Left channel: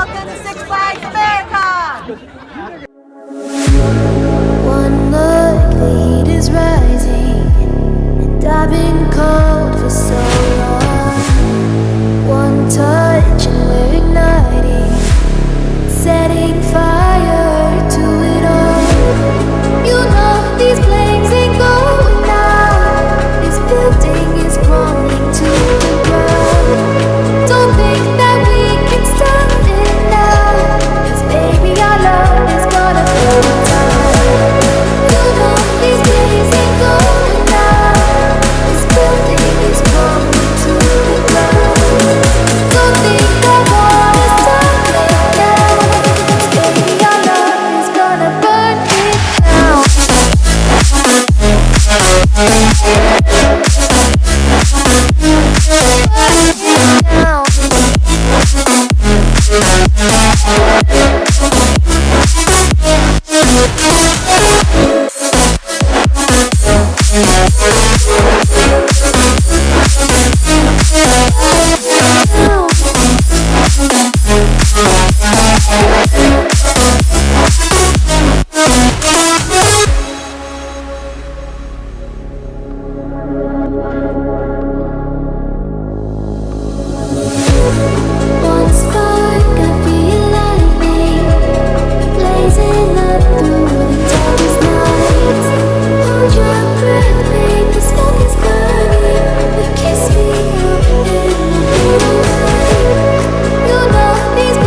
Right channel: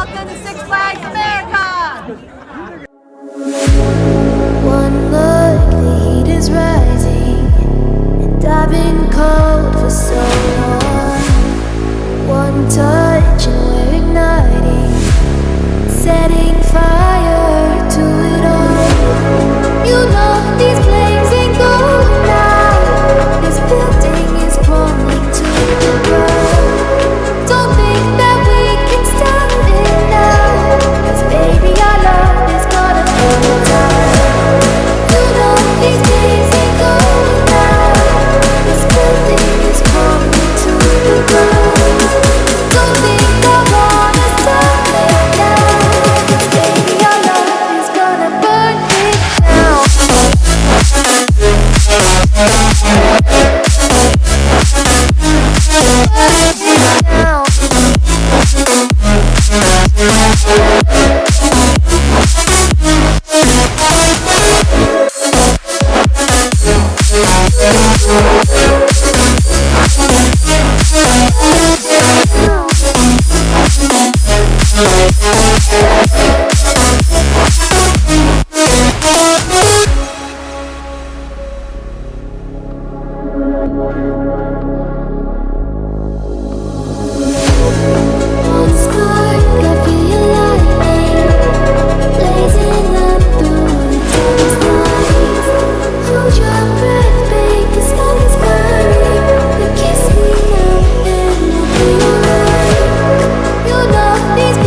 Welcome to Six Flags America! One look, the heat is rising, and I've been cold for so long. One touch and we're igniting, setting fire to it all. You know these flames ain't going out. This building is crumbling to the ground. Don't think that we can stop it now, 'cause baby our love is gonna burn it down. You know these flames ain't going out. This building is crumbling to the ground. Don't think I wanna stop it now, 'cause baby our love is gonna burn it down. One spark, I feel lightning blazing up through the darkest nights. Hold your breath, babe, the smoke is burning. But kiss me now and I'll be alright. You know these